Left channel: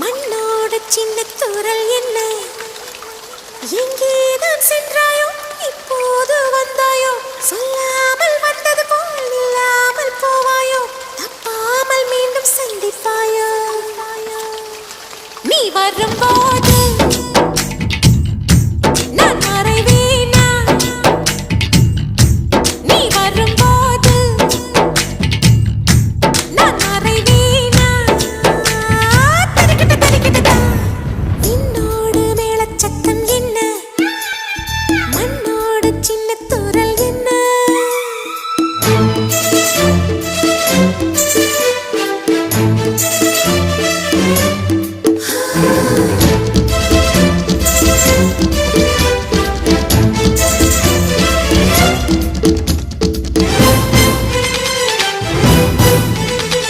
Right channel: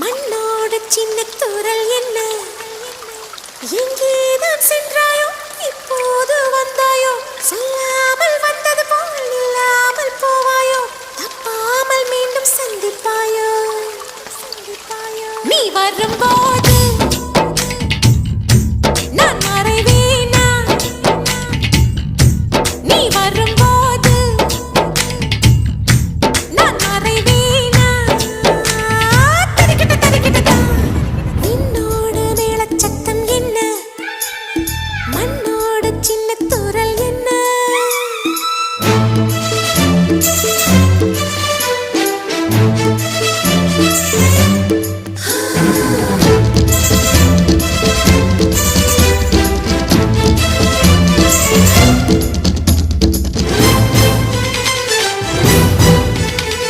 மண்ணோட சின்ன தூரல் என்ன எங்கேதான் சென்றாயோ இப்போது வந்தாயோ சொல்லாமல் வந்தது போல் இல்லாமல் போவாயோ தப்பாமல் மீண்டும் சந்திப்பாயோ நீ வரும்போது நான் மறைவேனா நீ வரும்போது நான் மறைவேன்